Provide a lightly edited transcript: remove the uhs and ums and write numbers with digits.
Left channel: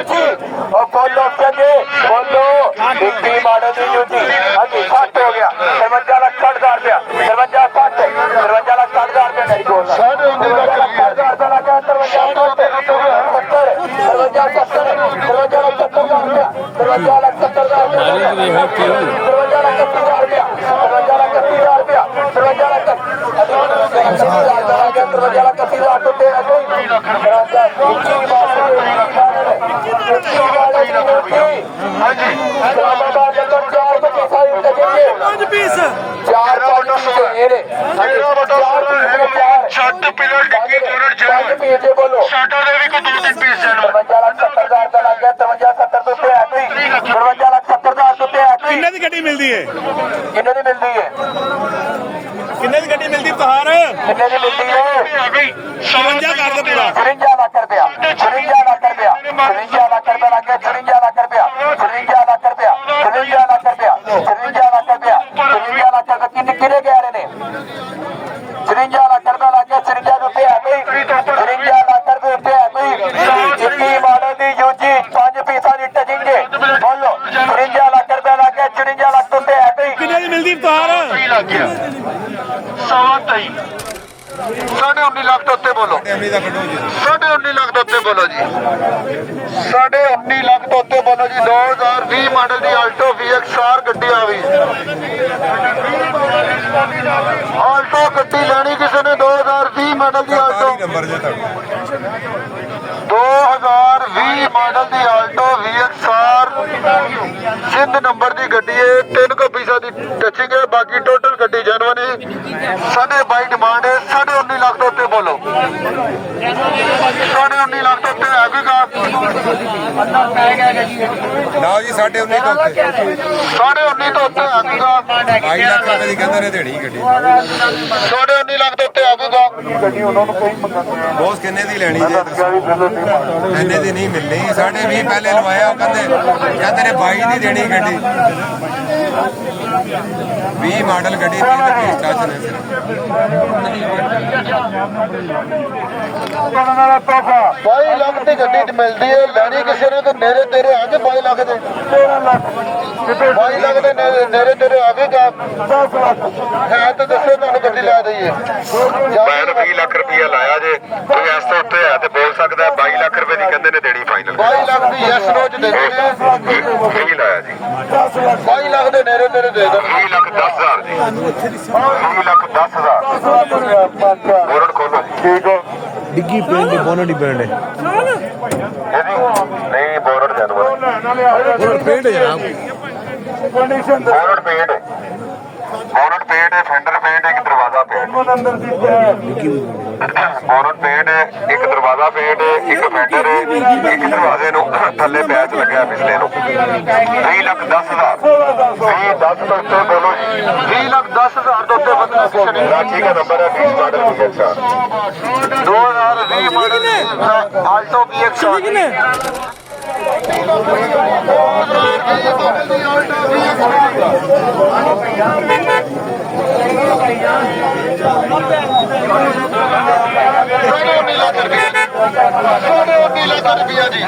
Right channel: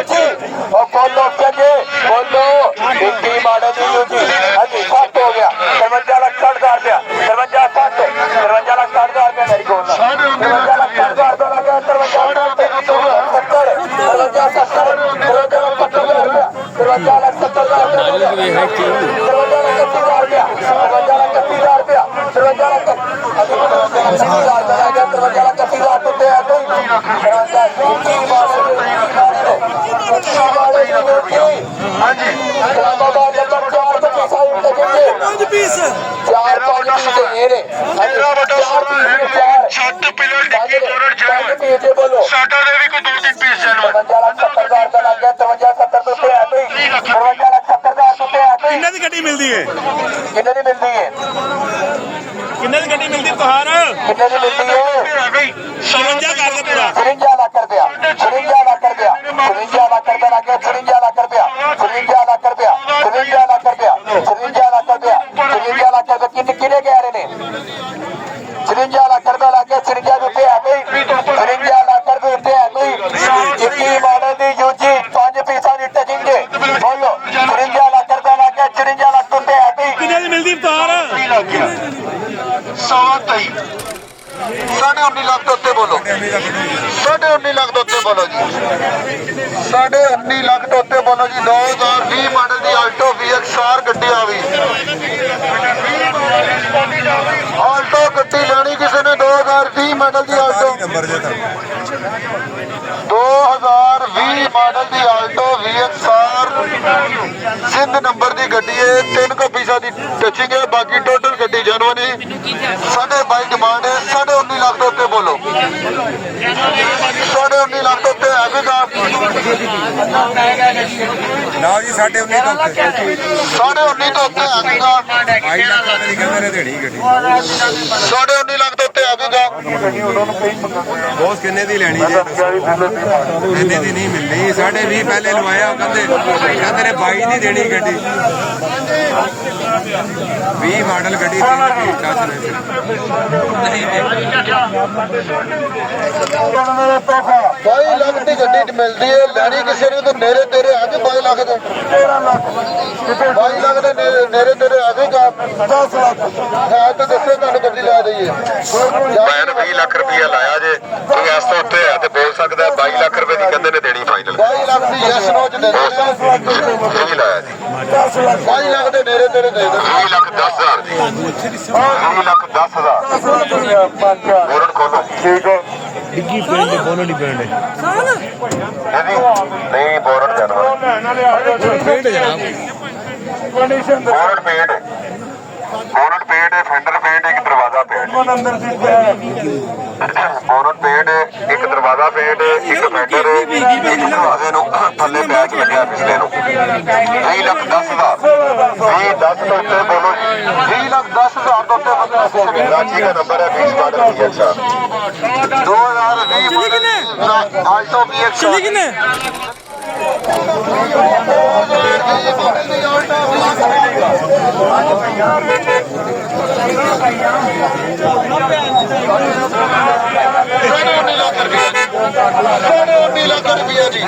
UG और बोलो चंगे बोलो 21 मॉडल दी यूजी। हाँ जी 60 हो गया 53 लाख 60,000 रुपया 53 लाख 60,000 रुपया नहीं बोलना 53 लाख 60,000 रुपया लगा 53 लाख इस्लामाबाद नंबर 4 बोलो किन्ने दी गड्डी मिलदी है किन्ने दी मिलदी है किन्ने दी गड्डी मिलदी तोहार किन्ने दी मिलदी है 54 कर दे पूरा 53 लाख रुपया 53 लाख रुपया 53 लाख रुपया लगे 53 लाख रुपया 53 लाख रुपया 53 लाख रुपया 53 लाख रुपया 53 लाख रुपया किन्ने किन्ने कह रहे ने 53 लाख रुपया लगे 53 रुपये है भाई 53 लाख रुपये है भाई 21 मॉडल दी यूजी 5 पीसा दी टचिंग बोलो 53 लाख रुपया लगे 53 लाख रुपये है भाई किन्ने दी मिलदी तोहार 19.5 लाख तो उत्ते बोलो 19.5 लाख तो उत्ते बोलो जी 19.5 लाख तो उत्ते बोलो जी 2020 मॉडल दी आल्टो VXR गड्डी आ गई आल्टो गड्डी लेनी किसी ने 2020 मॉडल दी आल्टो 2020 मॉडल दी आल्टो VXR सिंध नंबर दी गड्डी है 3 को पैसा दी टचिंग है बाकी टोटल गड्डी जनवन है 22.5 डिमांड है 19.5 लाख तो उत्ते बोलो 19.5 लाख तो उत्ते है भी का ना जी 19.5 तो उत्ते 19.5 तो उत्ते है भी का 22 लाख रुपए ਦੀ ਕਹਿੰਦੇ ਨੇ ਦੇਣੀ ਗੱਡੀ 19.5 लाख तो उत्ते है भी का ਬੋਸ ਕਿੰਨੇ ਦੀ ਲੈਣੀ ਜੇ ਕਹਿੰਦੇ ਦੀ ਨਹੀਂ ਮਿਲਣੀ 20.5 ਪਹਿਲੇ ਲਵਾਇਆ ਉਹ ਕਹਿੰਦੇ ਨੇ 22 ਦੀ ਦੇਣੀ ਗੱਡੀ 20 ਮਾਡਲ ਗੱਡੀ 3 ਰੁਪਏ ਚਾਰਜ ਨੇ ਸਿਰਫ 22 ਲੱਖ ਦੀ ਗੱਡੀ ਮਿਲਦੀ ਹੈ ਲੈਣੀ ਕਿਸੇ ਨੇ ਤੇ ਨੇਰੇ ਤੇਰੇ ਆ ਕੇ 22 ਲੱਖ ਦੇ 22 ਲੱਖ ਦੇ ਨੇਰੇ ਤੇਰੇ ਆ ਕੇ 10 ਲੱਖ ਹੈ ਤਾਂ ਦੱਸੋ ਤੁਹਾਨੂੰ ਗੱਡੀ ਲੈ ਦਈਏ ਮੈਂ 20 ਲੱਖ ਰੁਪਇਆ ਲਾਇਆ ਜੇ ਕੋਈ ਇਸ ਤੋਂ ਉੱਤੇ ਹੈ ਤੇ ਬੋਲ ਸਕਦਾ 22 ਲੱਖ ਰੁਪਏ ਦੀ ਕਹਿੰਦੇ ਨੇ ਦੇਣੀ ਫਾਈਨਲ 22 ਲੱਖ ਦੀ ਯੈਸ ਨੋ ਚ ਦੇ ਦੇ 20 ਲਾਇਆ ਜੀ 22 ਲੱਖ ਦੇ ਨੇਰੇ ਤੇਰੇ ਦੇ ਦੋ 20 ਲੱਖ 10,000 ਜੀ 20 ਲੱਖ 10,000 ਬੋਰਡ ਖੋਲੋ ਠੀਕ ਹੈ डिग्गी पेंड बोनो नहीं पेंड ਇਹਦੀ ਨਹੀਂ ਬੋਰਡ ਜਾਨਵਰ पेंड है जनाब ਬੋਰਡ ਪੇਂਟ ਹੈ ਫੈਂਡਰ ਪੇਂਟ ਇੱਕ ਦਰਵਾਜ਼ਾ ਪੇਂਟ ਬੋਰਡ ਪੇਂਟ ਇੱਕ ਦਰਵਾਜ਼ਾ ਪੇਂਟ ਇੱਕ ਫੈਂਡਰ ਦਰਵਾਜ਼ੇ ਨੂੰ ਥੱਲੇ ਪੈਚ ਲੱਗਿਆ ਪਿਛਲੇ ਨੂੰ 20 ਲੱਖ 10,000 20 10 ਤੋਂ ਉੱਤੇ ਬੋਲੋ ਜੀ 20 ਲੱਖ 10,000 ਤੋਂ ਉੱਤੇ ਬੰਦਾ ਕਿਸੇ ਨੇ ਕਰਾਚੀ ਦਾ ਨੰਬਰ ਹੈ 20 model VXR 2020 model Alto VXR ₹19 lakh जी